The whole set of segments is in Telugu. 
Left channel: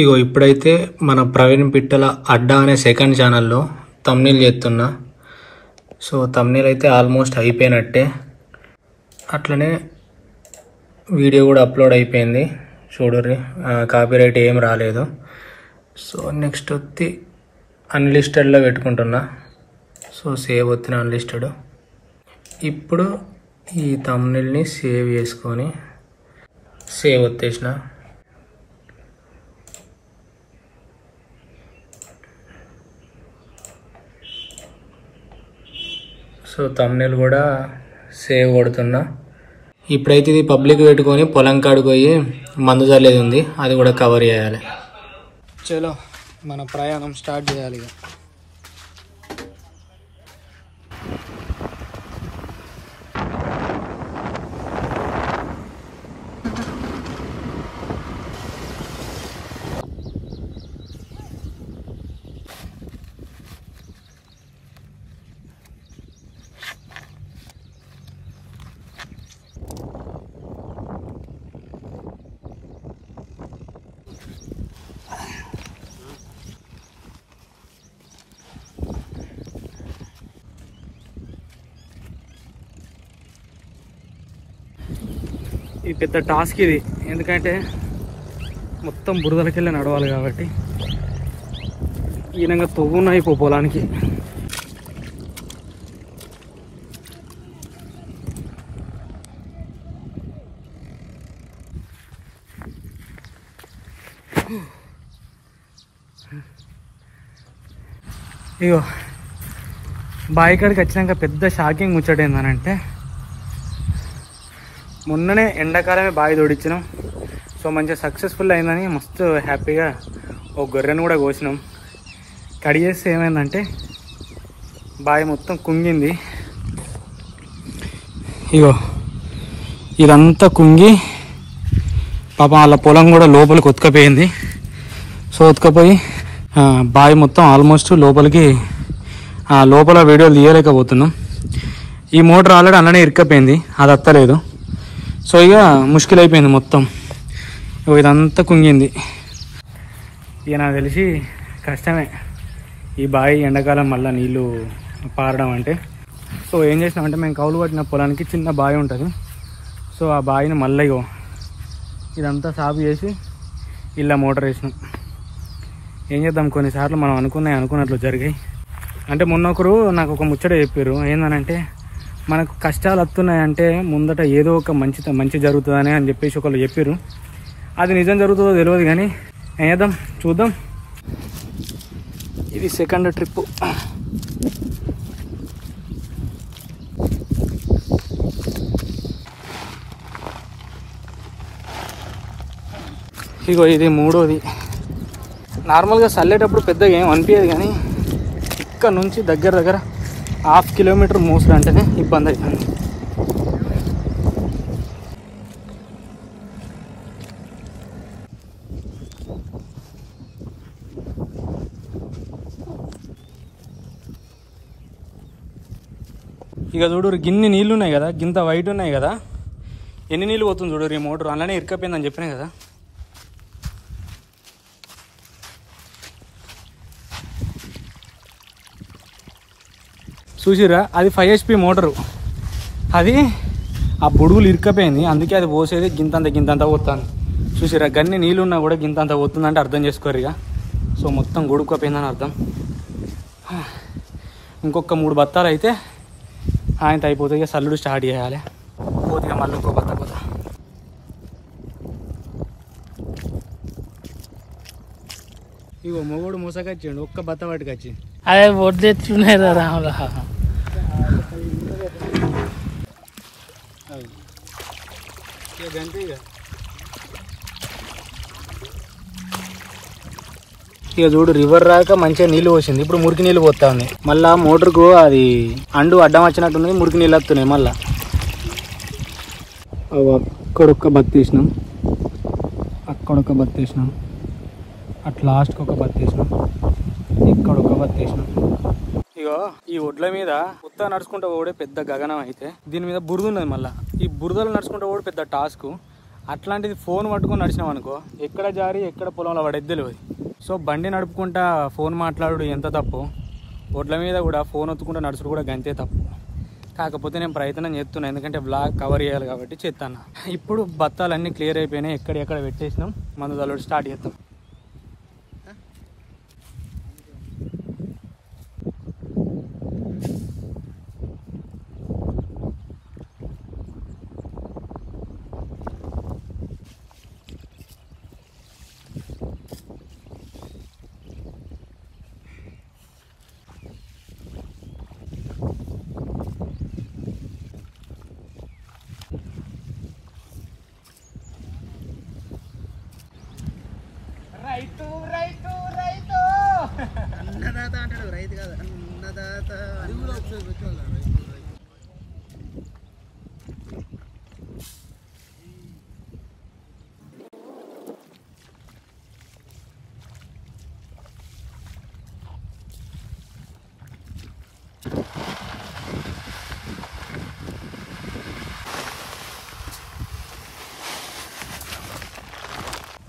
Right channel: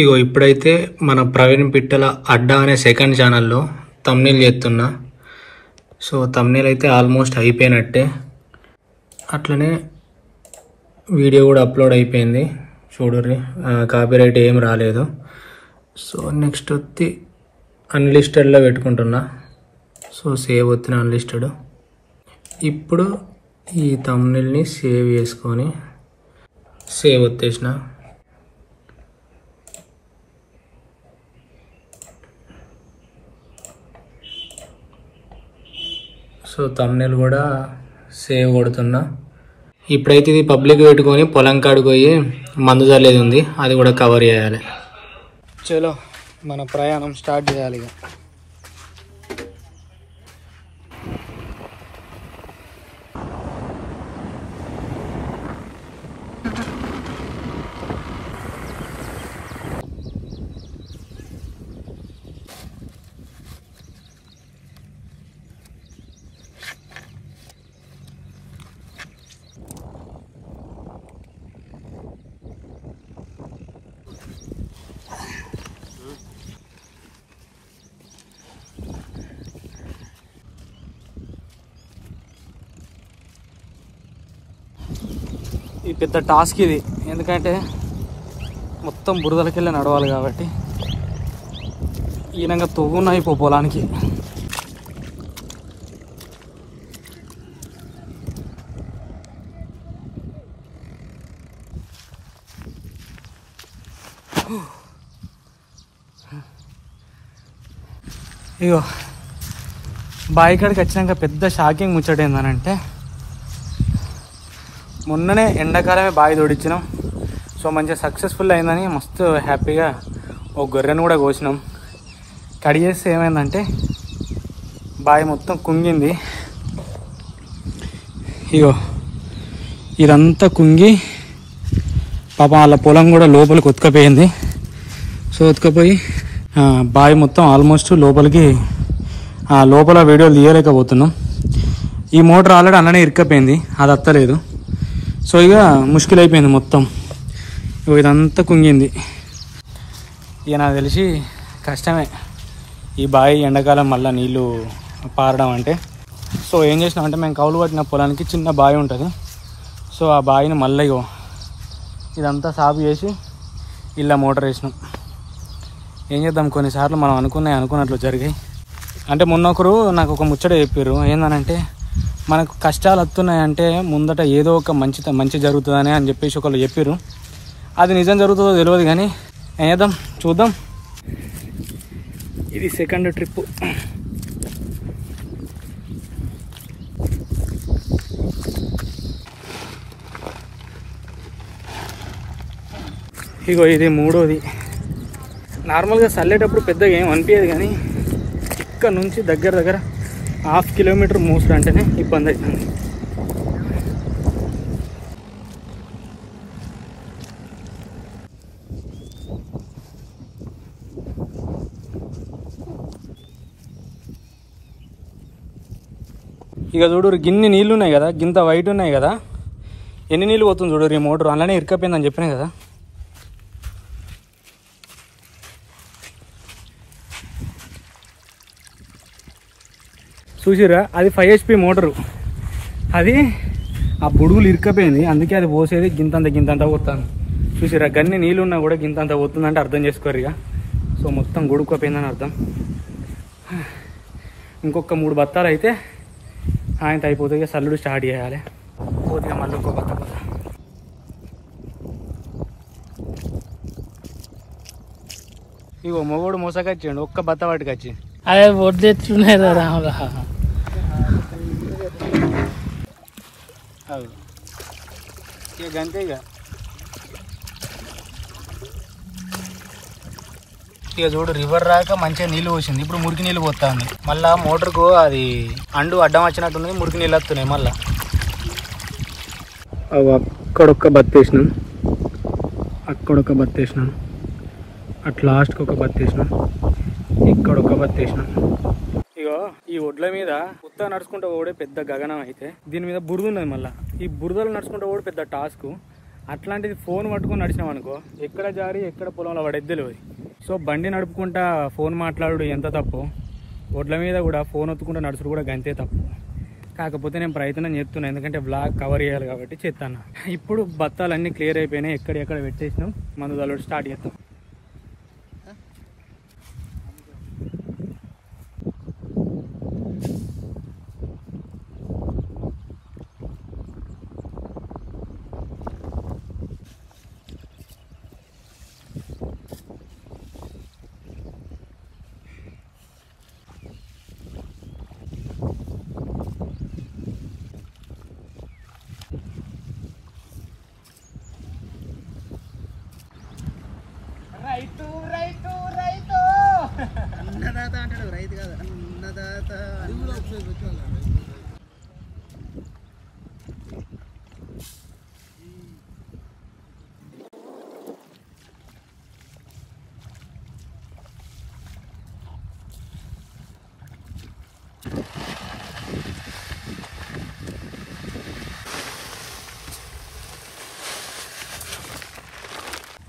ఇగో ఇప్పుడైతే మన ప్రవీణ్ పిట్టల అడ్డా అనే సెకండ్ ఛానల్లో థంబ్నెయిల్ చేస్తున్నా. సో థంబ్నెయిల్ అయితే ఆల్మోస్ట్ అయిపోయినట్టే, అట్లనే వీడియో కూడా అప్లోడ్ అయిపోయింది చూడుర్రి. కాపీరైట్ ఏం రాలేదు. సో నెక్స్ట్ వచ్చి అన్లిస్టెడ్లో పెట్టుకుంటున్నా. సో సేవ్ వచ్చిన అన్లిస్టెడ్. ఇప్పుడు ఈ థంబ్నెయిల్ని సేవ్ చేసుకొని సేవ్ వచ్చేసిన. సో థంబ్నెయిల్ కూడా సేవ్ కొడుతున్నా. ఇప్పుడైతే ఇది పబ్లిక్ పెట్టుకొని పొలం కాడికి పోయి మందు చల్లేది ఉంది, అది కూడా కవర్ చేయాలి. చలో మన ప్రయాణం స్టార్ట్ చేయాలి. ఇక ఈ పెద్ద టాస్క్ ఇది, ఎందుకంటే మొత్తం బురదలకెళ్ళి నడవాలి కాబట్టి. ఈనంగా తవ్వున్నాయి పొలానికి. ఇగో బావి కాడికి వచ్చినాక పెద్ద షాకింగ్ ముచ్చట ఏందనంటే, మొన్ననే ఎండాకాలమే బావి తోడిచ్చినాం. సో మంచిగా సక్సెస్ఫుల్ అయిందని మస్తు హ్యాపీగా ఒక గొర్రెను కూడా కోసినాం. కడిగేస్తే ఏమైందంటే బావి మొత్తం కుంగింది. ఇగో ఇదంతా కుంగి పాపం వాళ్ళ పొలం కూడా లోపలికి ఉతకపోయింది. సో ఉతకపోయి బావి మొత్తం ఆల్మోస్ట్ లోపలికి లోపల వీడియోలు తీయలేకపోతున్నాం. ఈ మోటార్ ఆల్రెడీ అలానే ఇరుక్కపోయింది, అది అత్తలేదు. సో ఇక ముష్కిల్ అయిపోయింది మొత్తం. ఇదంతా కుంగింది. ఇక నాకు తెలిసి కష్టమే ఈ బావి ఎండాకాలం మళ్ళీ నీళ్ళు పారడం అంటే. సో ఏం చేసినామంటే, మేము కౌలు పట్టిన పొలానికి చిన్న బావి ఉంటుంది. సో ఆ బావిని మళ్ళీ ఇదంతా సాగు చేసి ఇలా మోటార్ వేసినాం. ఏం చేద్దాం, కొన్నిసార్లు మనం అనుకున్నట్లు జరిగాయి. అంటే మొన్న ఒకరు నాకు ఒక ముచ్చట చెప్పారు. ఏందనంటే, మనకు కష్టాలు వస్తున్నాయంటే ముందట ఏదో ఒక మంచి జరుగుతుందని అని చెప్పేసి ఒకళ్ళు చెప్పారు. అది నిజం జరుగుతుందో తెలియదు కానీ ఏం చేద్దాం, చూద్దాం. ఇది సెకండ్ ట్రిప్. ఇగో ఇది మూడోది. నార్మల్గా చల్లేటప్పుడు పెద్దగా ఏం అనిపించదు, కానీ ఇక్కడ నుంచి దగ్గర 1/2 కిలోమీటర్ మోసలు అంటేనే ఇబ్బంది అవుతుంది. ఇక చూడు, గిన్ని నీళ్ళు ఉన్నాయి కదా, గింత వైట్ ఉన్నాయి కదా, ఎన్ని నీళ్ళు పోతుంది చూడు. ఈ మోటార్ అలానే ఇరుకపోయిందని చెప్పినా కదా. చూసిరా, అది 5 HP మోటరు. అది ఆ బుడుగులు ఇరుకపోయింది, అందుకే అది పోసేది గింతంత పోతుంది. చూసిరా, గన్ని నీళ్ళు ఉన్నా కూడా గింతంత పోతుందంటే అర్థం చేసుకోరు ఇక. సో మొత్తం గుడుకుపోయిందని అర్థం. ఇంకొక 3 బత్తాలు అయితే ఆయన అయిపోతుంది. ఇక సల్లుడు స్టార్ట్ చేయాలి. పోతే మళ్ళీ ఇంకో బత్త పోతా. ఇగో మొగోడు మోసకొచ్చిండు, ఒక్క బత్త పట్టుకొచ్చి. అదే వడ్డెట్లున్నాయి రాములా. ఇక అంతే. ఇక చూడు, రివర్ రాక మంచిగా నీళ్ళు పోసింది. ఇప్పుడు మురికి నీళ్ళు పోతా ఉన్నాయి. మళ్ళా మోటార్కు అది అడ్డం వచ్చినట్టుంది, మురికి నీళ్ళు వస్తున్నాయి మళ్ళా. అక్కడొక్క బత్తేసినాం, అక్కడొక బత్తేసినాం, అట్ లాస్ట్కి ఒక బత్తేసినాం, ఇక్కడ ఒక బత్తేసినాం. ఇగో ఈ ఒడ్ల మీద ఉత్తా నడుచుకుంటూ పోవడే పెద్ద గగనం అయితే, దీని మీద బురద ఉన్నది. మళ్ళీ ఈ బురదలు నడుచుకుంటూ పోవడం పెద్ద టాస్క్. అట్లాంటిది ఫోన్ పట్టుకొని నడిచినాం అనుకో ఎక్కడ జారి ఎక్కడ పొలంలో పడేది తెలియదు. సో బండి నడుపుకుంటా ఫోన్ మాట్లాడు ఎంత తప్పు, ఒడ్ల మీద కూడా ఫోన్ ఒత్తుకుంటూ నడుచుడు కూడా గంతే తప్పు. కాకపోతే నేను ప్రయత్నం చేస్తున్నాను, ఎందుకంటే బ్లాగ్ కవర్ చేయాలి కాబట్టి చేస్తాను. ఇప్పుడు బత్తాలన్నీ క్లియర్ అయిపోయినాయి, ఎక్కడెక్కడ పెట్టేసినాం. మందు తల్లుడు స్టార్ట్ చేస్తాం. రైతు రైతు రైతు అన్నదాత అంటాడు, రైతు కాదు అన్నదాత.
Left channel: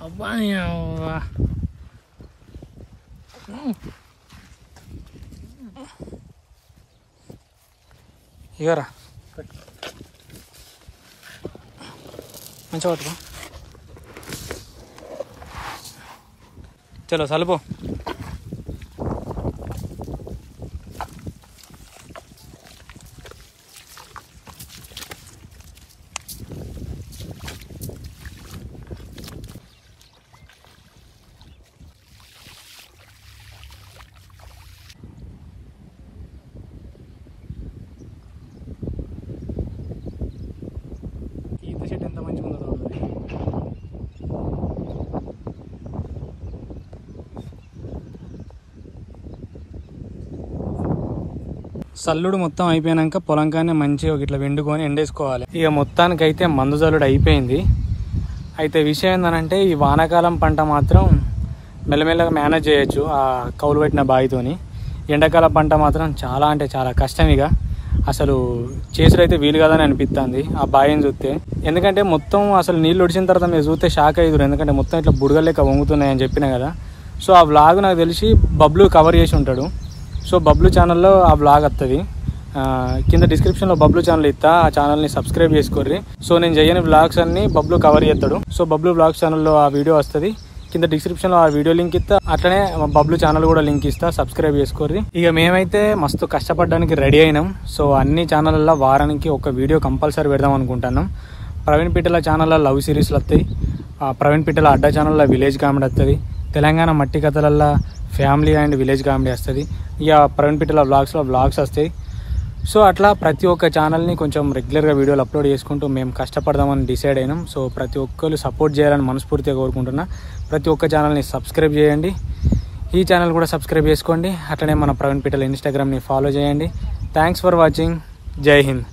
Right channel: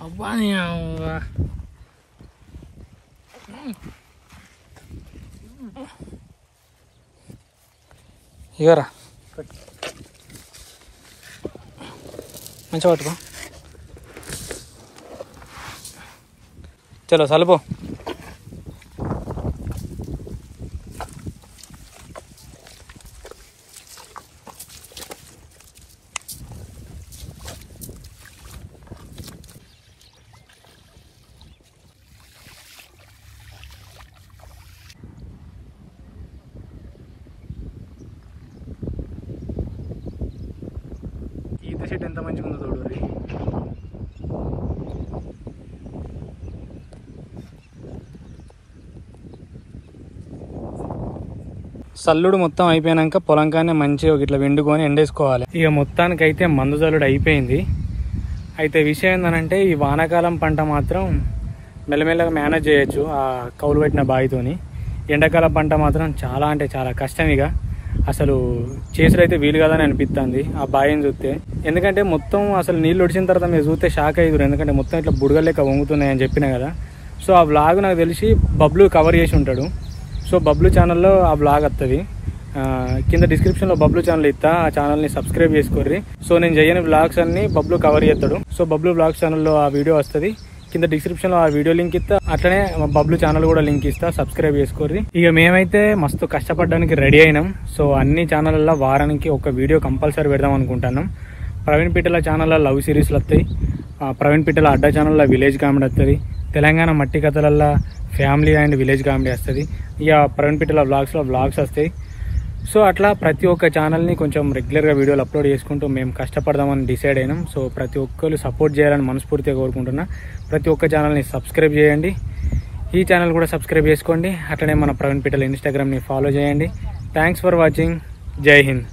అబ్బా ఇగరా మంచిగా పట్టుకో. చలో సలుపో. ఈత చెట్టు ఎంత మంచిగా ఉందో చూడండి. సల్లుడు మొత్తం అయిపోయాక పొలంకానే మంచిగా ఇట్లా వెండుకొని ఎండేసుకోవాలి. ఇక మొత్తానికైతే మందు జల్లుడు అయిపోయింది. అయితే విషయం ఏంటంటే ఈ వానాకాలం పంట మాత్రం మెల్లమెల్లగా మేనేజ్ చేయొచ్చు ఆ కౌలు పెట్టిన బావితోని. ఎండాకాలం పంట మాత్రం చాలా అంటే చాలా కష్టం. ఇక అసలు చేసుడైతే వీలు కాదని అనిపిస్తుంది ఆ బావిని చూస్తే. ఎందుకంటే మొత్తం అసలు నీళ్ళు ఒడిచిన తర్వాత మీరు చూస్తే షాక్ అయ్యారు, ఎందుకంటే మొత్తం ఇట్లా బుడగలు లెక్క వంగుతున్నాయని చెప్పిన కదా. సో ఆ వ్లాగ్ నాకు తెలిసి బబ్లు కవర్ చేసి ఉంటాడు. సో బబ్లు ఛానల్లో ఆ వ్లాగ్ వస్తుంది. కింద డిస్క్రిప్షన్లో బబ్లు ఛానల్ ఇస్తా, ఆ ఛానల్ని సబ్స్క్రైబ్ చేసుకోర్రి. సో నేను చేయని వ్లాగ్స్ అన్ని బబ్లు కవర్ చేస్తాడు. సో బబ్లు వ్లాగ్స్ ఛానల్లో ఆ వీడియో వస్తుంది. కింద డిస్క్రిప్షన్లో ఆ వీడియో లింక్ ఇస్తా, అట్లనే బబ్లు ఛానల్ కూడా లింక్ ఇస్తా, సబ్స్క్రైబ్ చేసుకోర్రి. ఇక మేమైతే మస్తు కష్టపడడానికి రెడీ అయినాం. సో అన్ని ఛానళ్ళల్లో వారానికి ఒక వీడియో కంపల్సరీ పెడదాం అనుకుంటున్నాం. ప్రవీణ్ పిట్టల ఛానల్లో లవ్ సిరీస్లు వస్తాయి, ప్రవీణ్ పిట్టల అడ్డా ఛానల్లో విలేజ్ కామెడీ వస్తుంది, తెలంగాణ మట్టి కథలల్లో ఫ్యామిలీ అండ్ విలేజ్ కామెడీ వస్తుంది, ఇక ప్రవీణ్ పిట్టల వ్లాగ్స్లో వ్లాగ్స్ వస్తాయి. సో అట్లా ప్రతి ఒక్క ఛానల్ని కొంచెం రెగ్యులర్గా వీడియోలు అప్లోడ్ చేసుకుంటూ మేము కష్టపడదామని డిసైడ్ అయినాం. సో ప్రతి ఒక్కరు సపోర్ట్ చేయాలని మనస్ఫూర్తిగా కోరుకుంటున్నా. ప్రతి ఒక్క ఛానల్ని సబ్స్క్రైబ్ చేయండి, ఈ ఛానల్ కూడా సబ్స్క్రైబ్ చేసుకోండి. అట్లనే మన ప్రవీణ్ పిట్టల ఇన్స్టాగ్రామ్ని ఫాలో చేయండి. Thanks for watching. జై హింద్.